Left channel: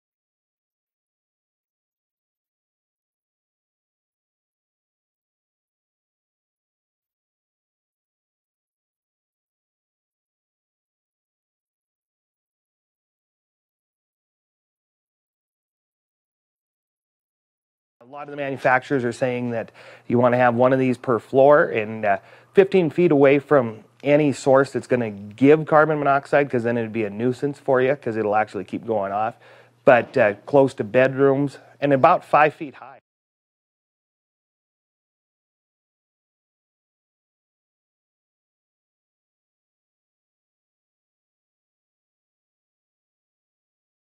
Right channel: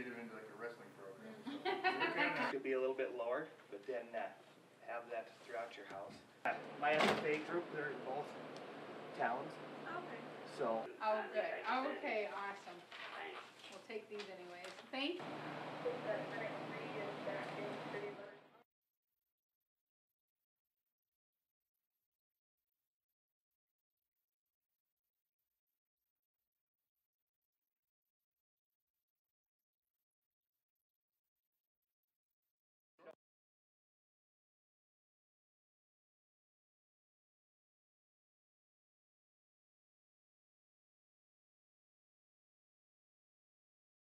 get it into like a wrestling program. So. Could be a little bit lower, but then have that throughout your house. My SFA group, they're in both towns. Okay. So. Oh, good. Okay, awesome. We'll take these anyways. Thank you. A lot of the manufacturers are saying that you want to have one of these per floor and 15 feet away from any source that's going to give carbon monoxide, because then it'd be a nuisance for you because it'll actually keep going off. But close to bedrooms and about 5 feet high.